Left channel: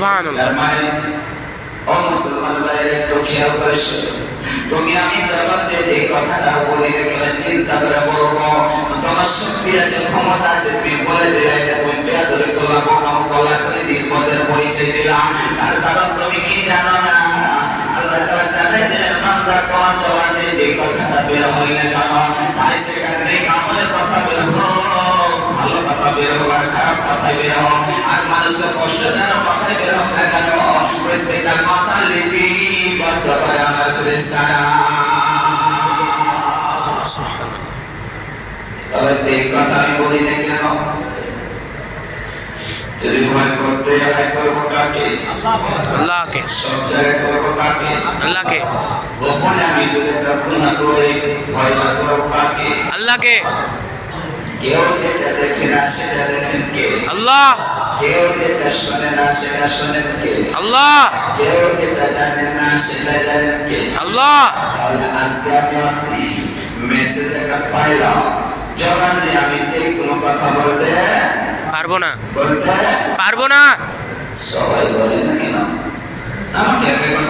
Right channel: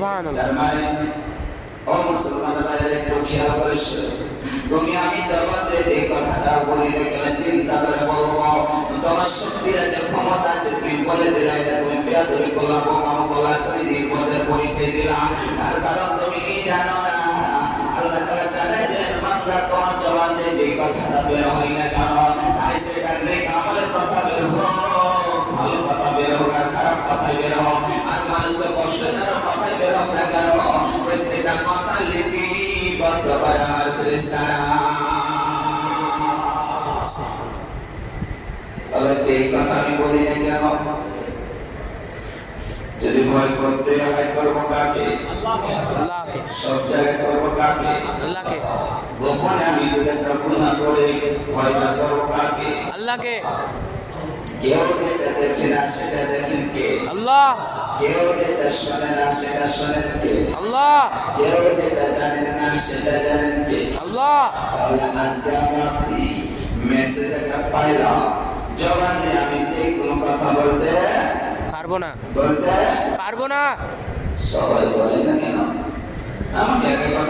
সুবহানাল্লাহ। তার মানে ও মুসলমান ভাইরা একটু খেয়াল করে শুনো, তুমি আমি জগতে যে কথাটা বলি গেলে চিন্তা করে বলবো, তোমার শক্তি আছে, ক্ষমতা আছে, তুমি বলে দিলে এটা তুমি বেয়াদবি করলা, বোকামো করলা, তুমি নির্বোধের পরিচয় দিলা। তার কারণ তুমি কি জানো না, আল্লাহ তাআলা জানাই দেন বান্দা তোমার জবানে যে কথাটা বের হয় না কেন, তাই সেখান থেকে আমাদের কথা বের হোক, ভালো কথা বের হোক আর খারাপ কথা বের হোক, আর মানুষের কষ্ট দেওয়ার কথা বের হোক না কেন, প্রত্যেকটা কথা লিপিবদ্ধ করে আমার ফেরেশতারা। তবে যে কথা আমি বলি না কেন, যদি ভয় করতে হয় করবো কাকে? আল্লাহকে। সব জায়গায় করবো কাকে? আল্লাহকে। গোপনে আমি যদি একটা গুনাহ করে ভয়টা করবো কাকে? আল্লাহকে। কেউ যেটা দেখে না সেটা দেখেন কে? আল্লাহ। কেউ যেটা শোনে না সেটা শোনেন কে? আল্লাহ। কেউ যেটা জানেন না সেটা জানেন কে? আল্লাহ। তাহলে আজকে আমি আপনি মেসেজ একটা পাইলাম, যখন আমি যে কোনো কথা বলতে পারবো না। বলতে পারবো না। সবাই বলে না কেন? আমাকে একটা কথা